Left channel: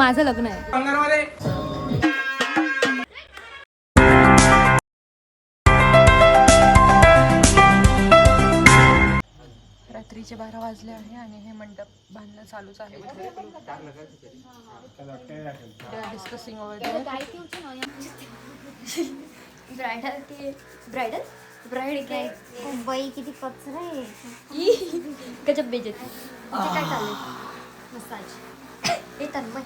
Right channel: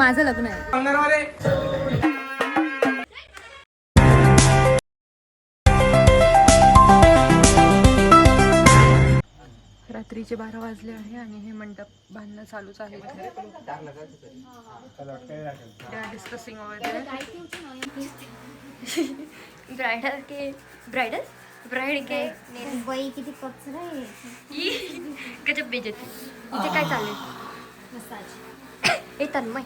माझं लग्न आहे. रात्रीचे 12 वाजले आहे आणि हे मंडप बांधणं चालूच आहे इथे. डिस्कसिंग वगैरे. ब्राइडल के ब्राइडल ब्राइड के बाई किती कचरा आहे. गजब बेइज्जती. इथे काय चालेल मसाज. हे तन्मय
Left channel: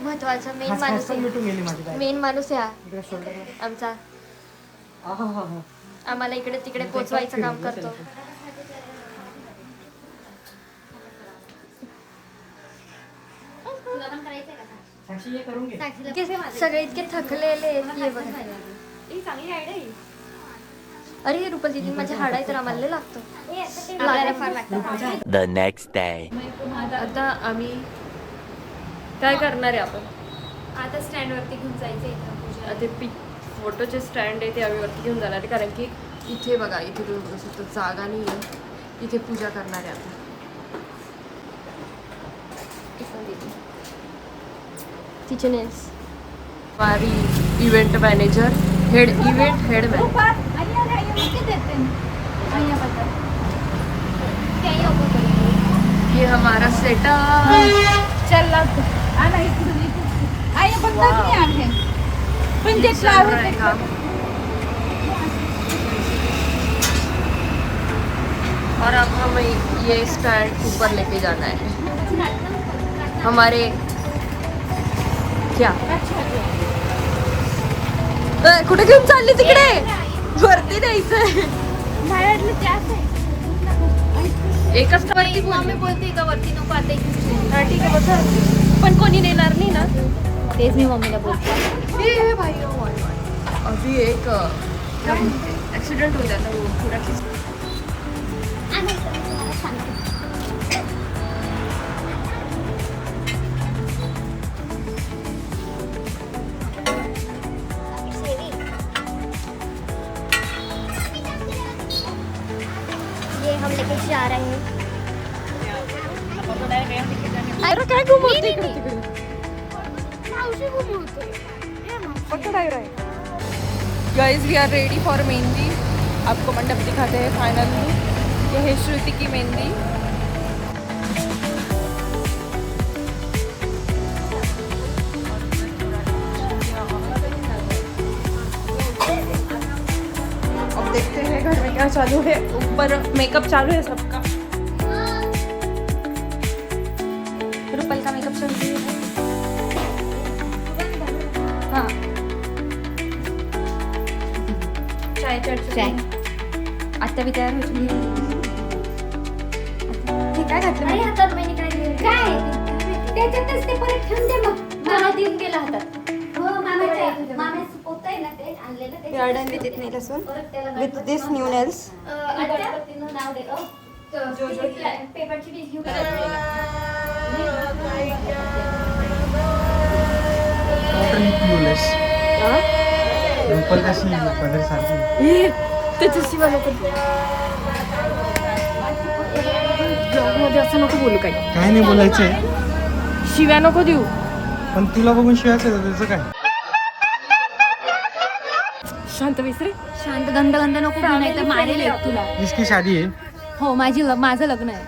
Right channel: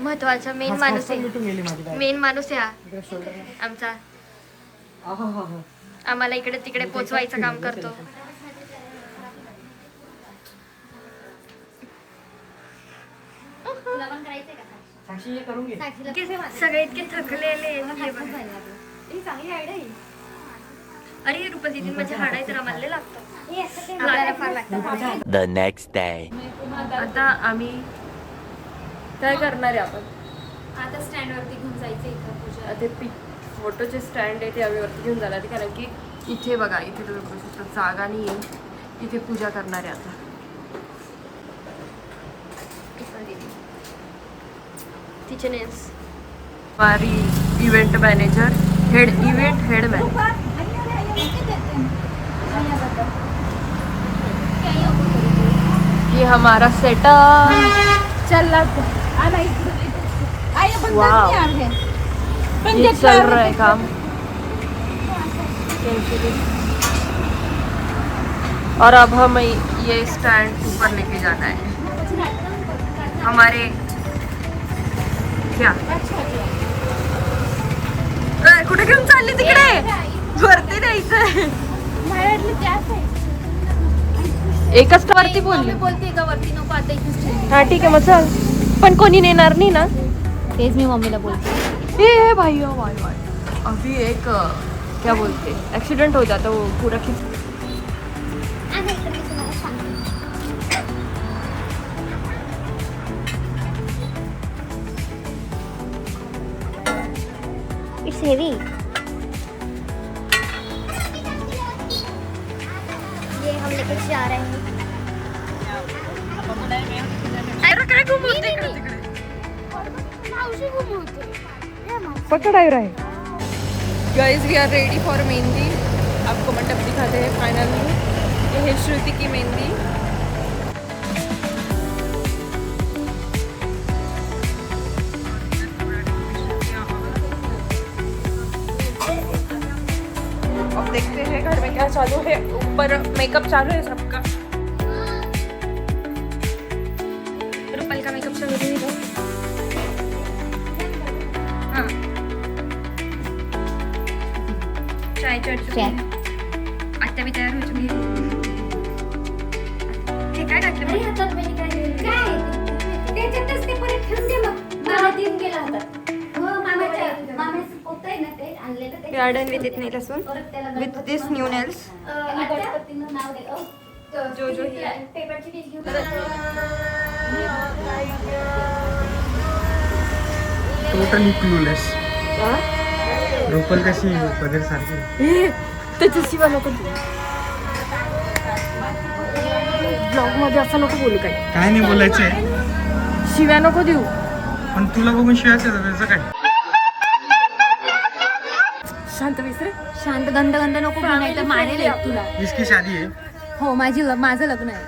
महत्वाचा मेन माणूस आहे. मेन माणूस आहे आमचा. आम्हाला इकडे तिकडे पोचवायचं काम करतो. सगळे इतके थकलेले. अरे रुपा दीदी माझ्या हाडा तर आम्हाला लागतं. The next day. आता आम्ही काय करणार आहे आपण? आता स्टँड वरती घेऊन जायचं इथं पूजा. ते फोटोचे स्टँड आहे ते आम्ही वरती घेऊन जाणार आहे, कारण की इथे बघा, इथे तुम्ही बघू शकता जागा नाही आहे. इथे पूजा करणार आहे आता. किचन इज हमारी इवेंट मैनेजर, हेड मैनेजर. ये हमारा सेटअप चल रहा है काम. और अब हम ये स्टैंड ऊपर लेके जाना है. हमारे क्या कुठे घेऊन चालली? तिकडे वरती द्यायचंय. एकच वरती बोलते का वरती नको आता इथेच. हा ठीक आहे मग चल. पण कोणी नेणार नाही ना? तेच मी मम्मीला बोलते. ये भाई ओ भाई भाई अभी एक क्या बोलते एक्सीडेंट हो जाता वो पूरा. It's heavy. ये हम लेके जा रहे हैं. अरे काय घुमवते इकडे तिकडे? मावशी घुमवते. पकड़ आए रहे. Guys we are ready for mehndi. आपको मंडप दिखाते हैं फाइनल लुक. ये है श्रुति की मेहंदी. देखते हैं घर में क्या चालू है. ऊपर मेकअप चालू है सबका. रुपल का मेकअप चालू है. चाय आता मी तयार होते. हे काय घातलं? अरे हातात बहिणी काय देऊन काय त्याच्यातच ते परत ठेवून दे. मग मला देऊन गेला हातात. हो मामाच्या होतंय ना ते आणलेलं ते. We are done with it nail salon. With this new nails. पत्तीनं नाव दे. जो पेपरची डिश घेऊन टोटली क्लूलेस. रुपल कशी पदर सारखी. त्याच्याशिवाय नको ब्लॉग मध्ये असं नको बोलू. काय काय नाही बोलायचंय, शिव्या नको देऊ. पण तुला बघून शिवायचं त्याचं काय. शांत विसरे. शांत गंध नको घेऊन नाही तर मारेल एक तुला. इसकी शादी आहे. हो माझं लग्न आहे.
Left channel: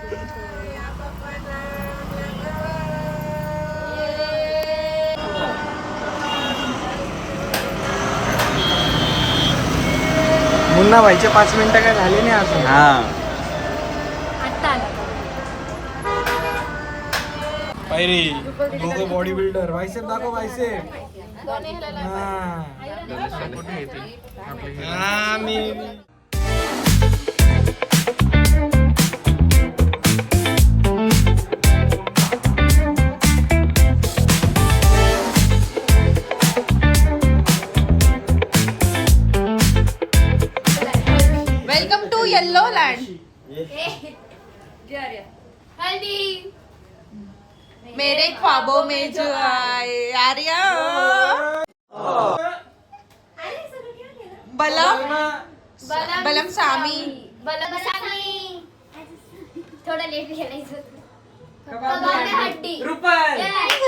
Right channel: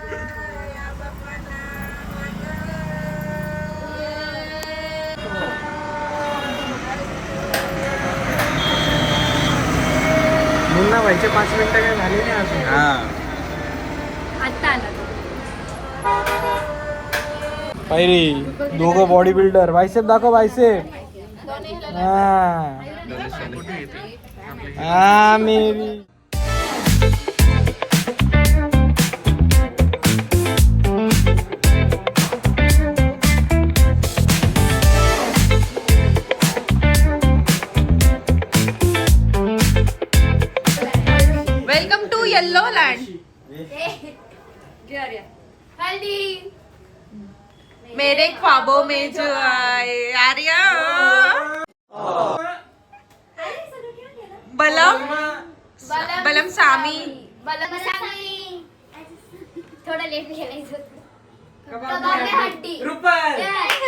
मुन्ना व्हायचे 5 मिनिटं काय झाले नाही अजून. आता आला तो. पायरी दोघं बॉडी बिल्डर. बायसेप दाखव बायसेप. हा मेरी. Welcome to yellow land. हल्दी मेरे ख्वाबों में जो आए आर्या. बलम सामी. थोडा लेट खेळायचं. रुपाल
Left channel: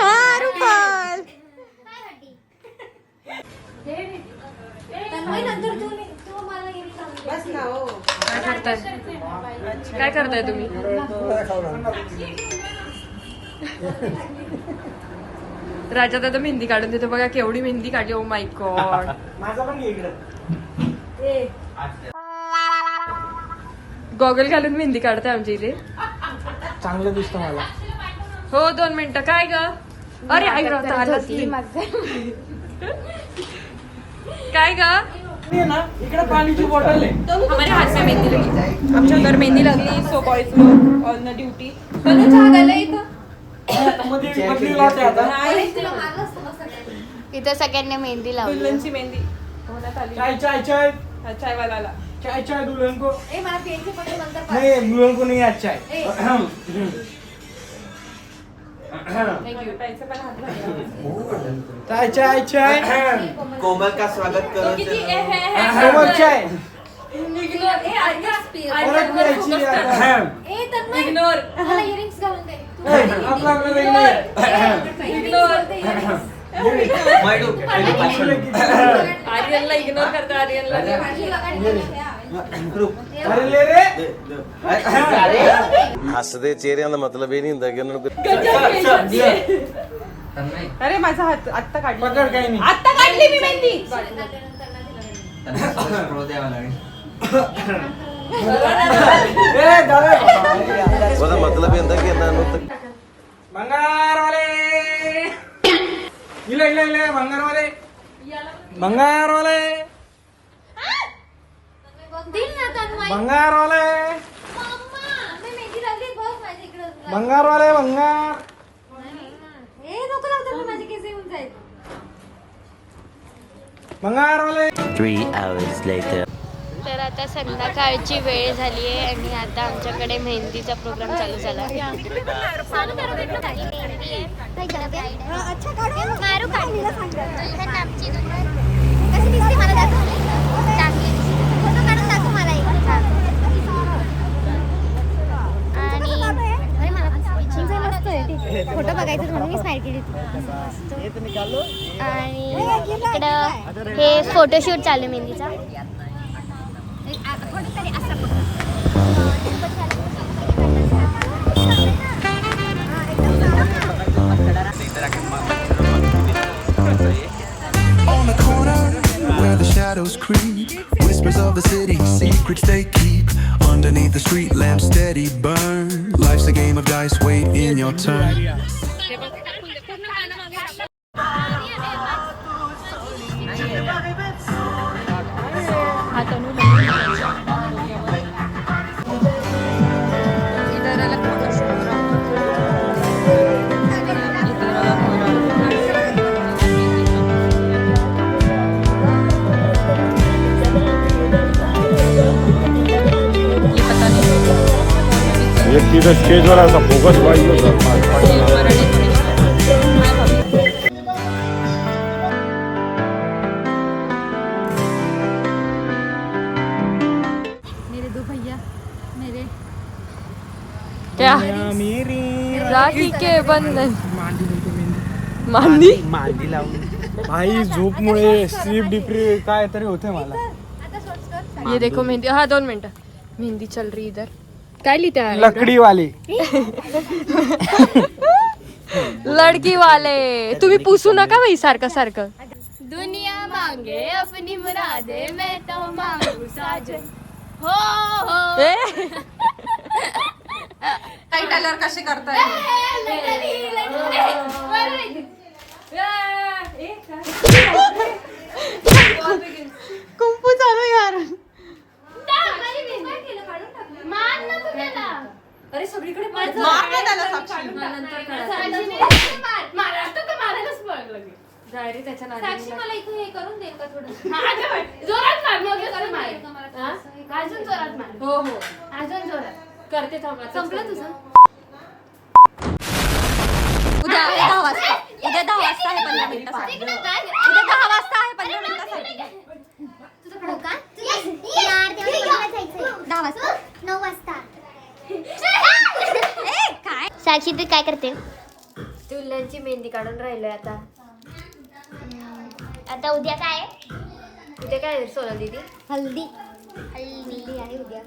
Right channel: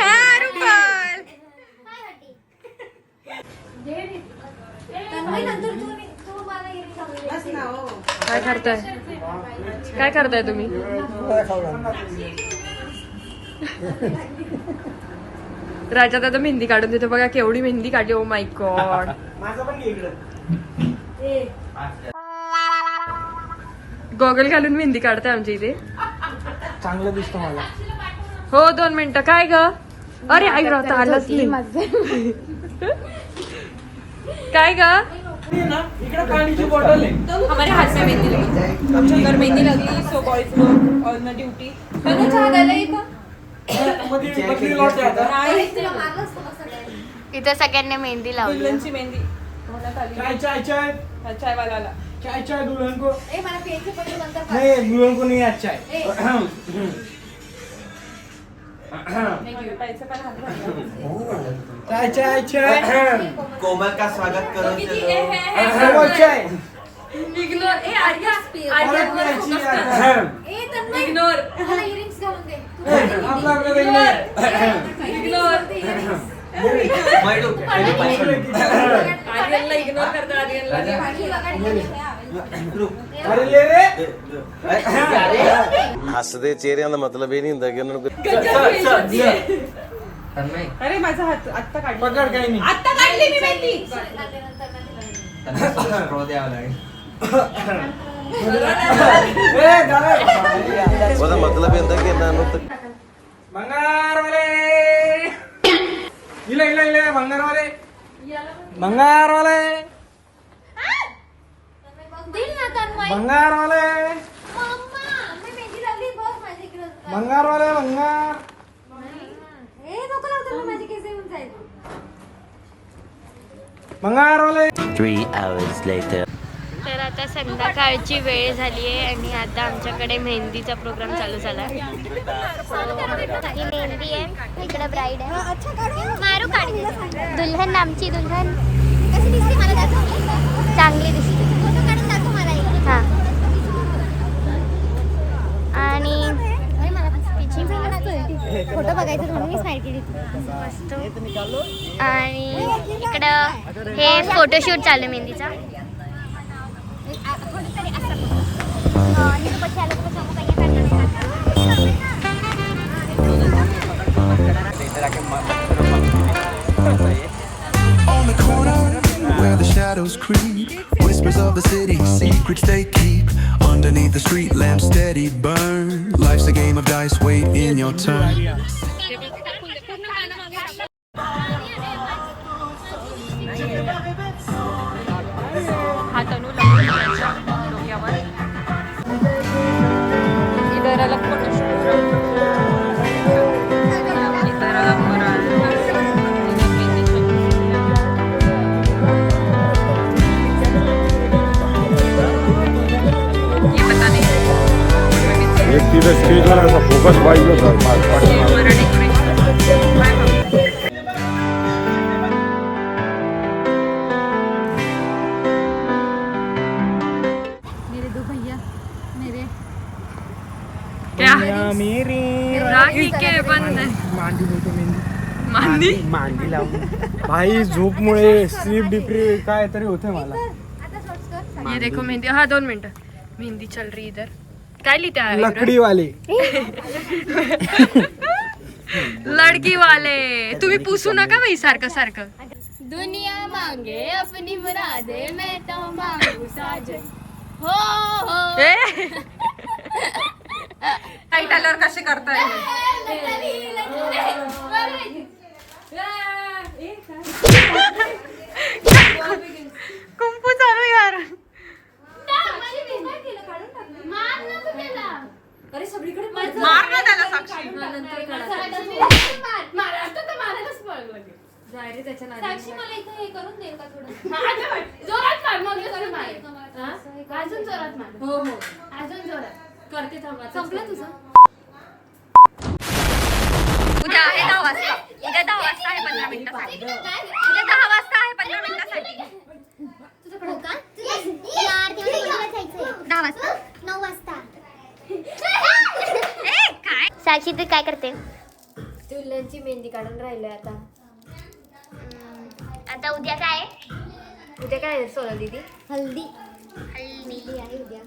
हा, रुपाल. काय करताय काय करताय तुम्ही? राजा दादा मेहंदी काढून देतो बघा, केवढी मेहंदी काढली. Oh my God. माझा पण इकडे गॉगल घालून मेहंदी काढताय आमच्या इथे. चांगलं दिसतं मला. हो 2 मिनिटं. काय ग? अरे आई राहता आलाच नाही. काय ग? इकडे पाणीची बॉटल आहे. हमारे हाथ में मेहंदी लगी. आमच्या घर मेहंदी लागली. सो बॉयज लोग ऑन द ड्युटी. पण चहा द्यायला इथं मध्ये बदली लॉट आहे आता. इथे सगळ्यांनी मेहंदी लावली. दुल्हनची मेहंदी होण्यात आली. चाय चाय चाय चाय वाला. चाय चाय दुल्हन को मला पेनचे पत्र नंतर नहीं, दुल्हन को नहीं आज चाय. पैसे पण हात घातला. चाय चाय चाय. कोमल का स्वागत करो कोमल चाय. परत प्यायची. ए तन्मय इग्नोर. मला इयरिंग्स घालून दे. आपला आपलं वेगळं आहे. इग्नोर. आर्यनला इग्नोर करता. आर्यनला अरे ले रे. हसदे चेहरे का मतलब ये नहीं होता कि उन्होंने अरे माझा हात आत्ता काढली. पकड काही नाही. आत्ता काढली मी मेहंदी. ए दादा उसका मतलब ये होता कि ना बंगारवाले. इला इला इला बंगारवाले. बंगारवाले. दिल ना तन्मय. बंगारवाले. मम्मा मी मेहंदी लावली बघ माझी इकडे. बंगारवाले बंगार. ए नको लावतो माझे केस येऊन जाईल. बंगारवाले. 3 hours later. तर आता संध्याकाळची वेळ झाली आहे आणि आता आमच्याकडे मेहंदीचा प्रोग्राम चालू झाला. ही मेहंदी आहे, इकडे ब्राईड आहे. दुल्हन आमची दुल्हन कशी दिसते मला दाखव. चांगली दिसते. फोटो काढून दाखव मला एक. हां. आणि अरे मला मस्त आहे. फोटो बघायचं म्हणून मी स्माइल केली होती. मस्त. आणि इकडं हे फोटोशूट चालू आहे मेहंदीचा. On the corner where the shadows creep, whispers of the city, secrets they keep. Underneath the street lamps steady burn. Life's a game of dice, wait in your turn. एक दिवस स्टेजवर असा फोकस पाहिजे होता. मेरे दो भैया मेरे क्या मेरी राखी के बंधन. मांडी बोलतो मेहंदी. मांदी. मांडी लावून भाई झोपमुळे स्लीप डिप्री काय तरी होते मला. ये देखो मेहंदी. हाँ 2 मिनटं. मेहंदी चल रही इधर. काय लिहिते आहे? लकडी वाले. लडकी वाले. तुम्ही पुसू नका बाई सारखं सारखं. दुनिया मांगे अपनी मुरादे मैं तो मांगू साजन. हो हो. टाईट आल्यावर कसे करताय? कुंकू चालू यार. अरे सगळीकडे मार ना त्याला साक्षी. जायरे त्याच्या साक्षी नादी. मला इथे हे करून देईल का थोडं. जोरात मार मग करून मार. देईल का मला? हा? अजून जोरात मार. हो हो अजून जोरात. करते थांबा. संपलं तुझं. उद्या 10 वाजता. उद्या 10 वाजता आहे 15 मिनिटासाठी. उद्या 10 वाजता आहे 15 मिनिटासाठी. तुझ्याकडे का? यार तेवढं 10 वाजता 9 वाजता. साक्षी तू तुल्यांची मेहंदी काढून राहिलोय आता. आता उद्या काय आहे? उद्या काय आहे सोनल दीदी? हल्दी. हल्दी आहे उद्या.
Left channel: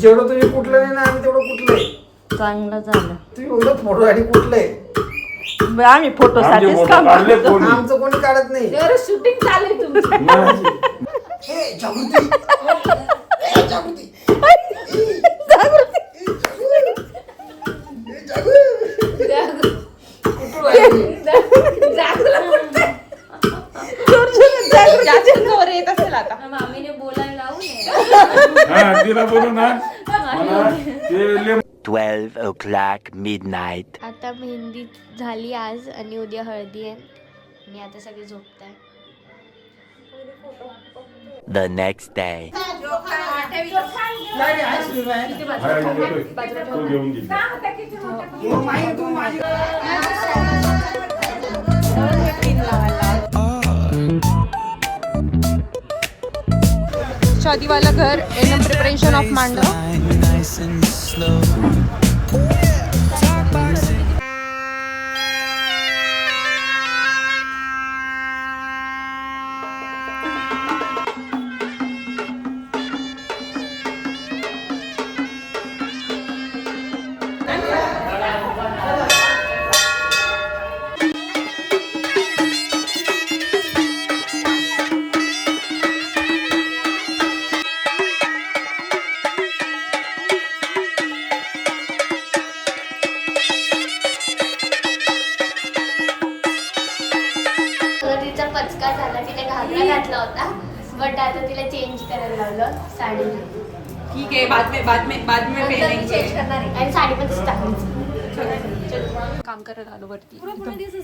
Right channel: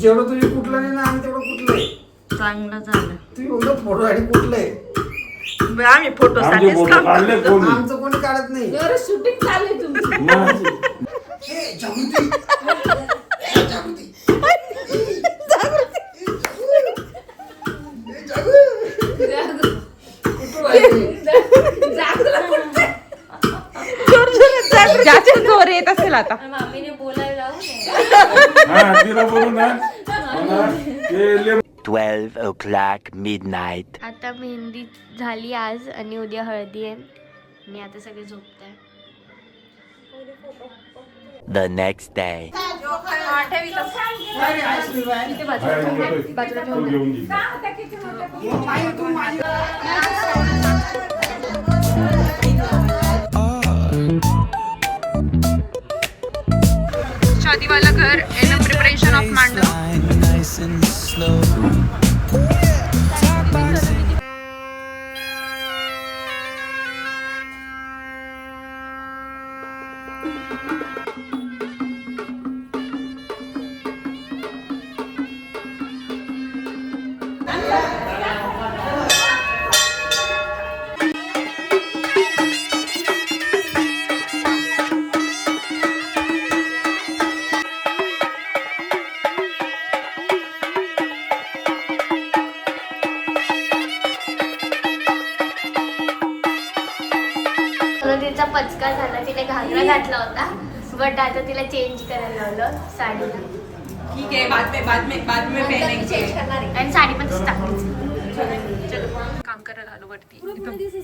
जेवढं तुम्ही कुठलं नाही ना आम्ही तेवढं कुठलं आहे. चांगलं झालं. तुम्ही एवढं फोटो आणि कुठलं आहे. आम्ही फोटो साठीच काम करतो. आमचं कोणी काढत नाही. शूटिंग चालू आहे तुमची. हे जागृती. हे जागृती. ज्याच्या जोर येत असेल आता. तिला बोलू ना 12 o'clock midnight. आता मेहंदी झाली आज आणि उद्या हळदी आहे आणि आता सगळे झोपताय. The next day. शादी वाला घर इन प्रिपरेशन ऑफ मांडव. Nice and slow. तिचा पचका झाला, तिने घागरा घातला होता बट आता तिला चेंज करायला लावलं साडीला. ठीक आहे, बाद में पहनेंगे. चेंज करणार आहे आणि साडी पण टाकायची. काम करायला आलो वरती.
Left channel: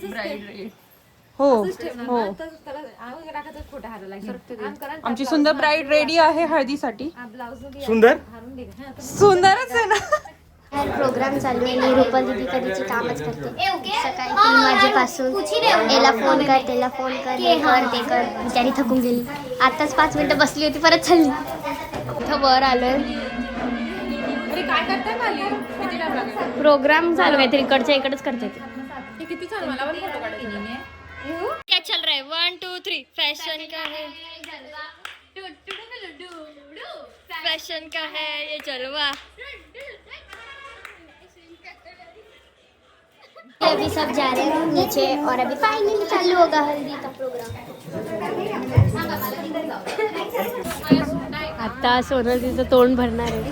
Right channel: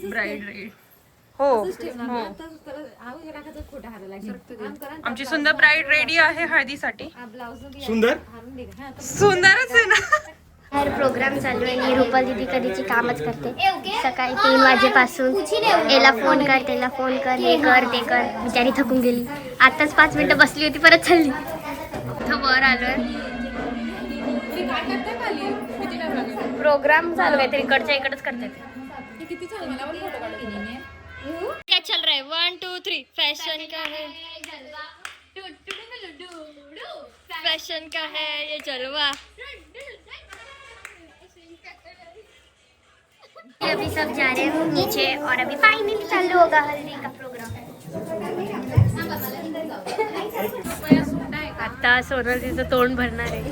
Bride red. हो. आमची सुंदर ब्राईड रेडी आहे हळदीसाठी. सुंदर सुंदरच आहे ना. बाहेर प्रोग्राम चालू आहे आणि रुपा दीदी कधीची कामच करते. सकाळी 3 वाजेपासून याला फोन कर, त्याला फोन कर, हे कर ते कर. बिचारी थकून गेली. आताच 5 मिनिटं बसली होती, परत चालली. इथं वर आलोय. काय करताय खाली? किती टाइम लागेल? प्रोग्राम चालू आहे, इकडच्या इकडेच करते. किती चालू मला क्या चल रहा है? 1 2 3 फैशन का है, फैशन का है ये जलवा. अभी सब जा रहे हैं नीचे और अभी फाइनली चालू होगा हल्दी का प्रोग्राम. आता सोनल तिचं तोंड भरणार आहे.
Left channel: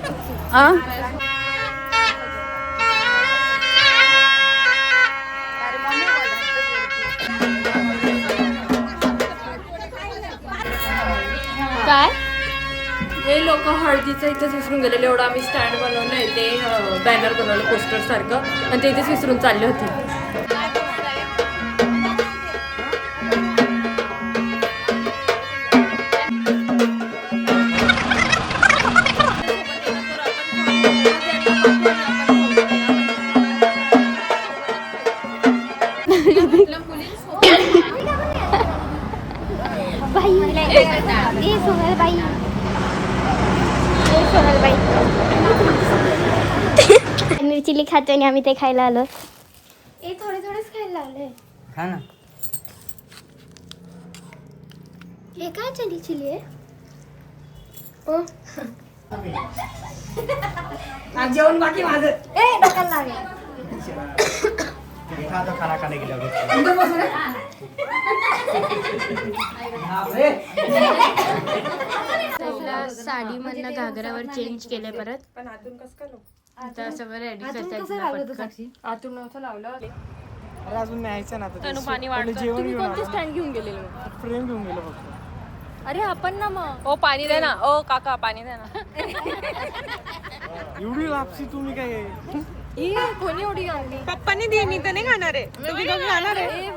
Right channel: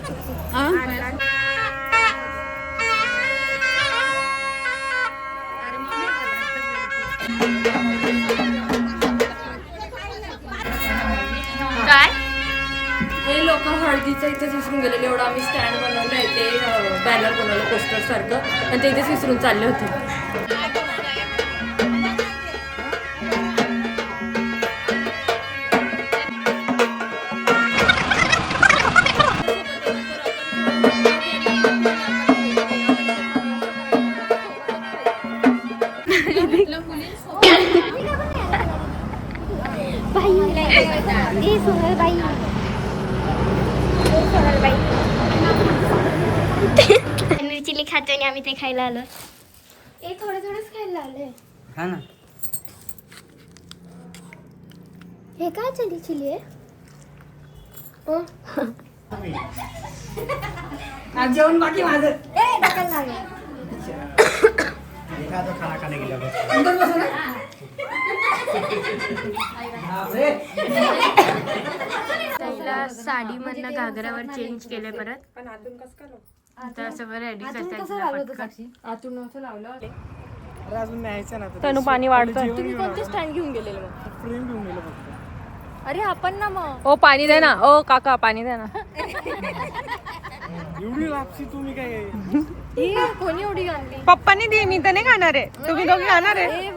काय हे लोक हळदीचं इथेच विसरून गेलेले. एवढं आम्ही स्टँड बनवलंय, ते बॅनर बनवलं पोस्टर सारखं, आणि ते इथेच विसरून चालले होते. चिली खातो आणि आम्ही ते खायला आलो. थोडे थोडेच खायला लावले. खा ना. हे काय चिली चिली आहे? जेवण बाकी माझं. डकाल लागेल. त्याला साडी मधनं घागरावर चेंज केलंय परत. पण आतून कसं करू? आता सगळं रेडी करतात. आतून नव्हतं लावलं. अरे अजून न्यायचं ना. त्यानं पाणी वाढतं. जेवण घेऊन आलो. स्टँड घेऊन गेलेलो. फ्रेम घेऊन गेलो फक्त. अरे आपण ना मग. ओ पाणी दे ना. ओ काका पाणी दे ना. एवढी लापसी तुम्ही काय? कोणी एवढी आणली? पप्पानी दे, मी तर नाही खाणार आहे. तुम्ही दोघे खाणार आहे.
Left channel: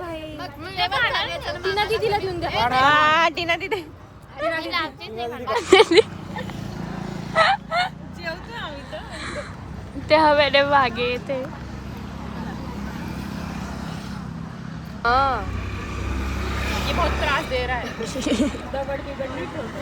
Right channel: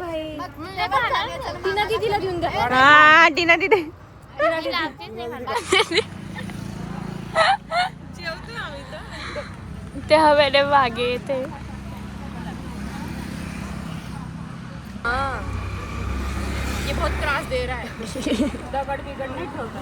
टीना दीदीला देऊन दे. हा, टीना दीदी. जेवतो आम्ही तर. ते हवेने मागे येते. ये बहुत त्रास दे रहा है. दगड बिगड नाही ठेवत.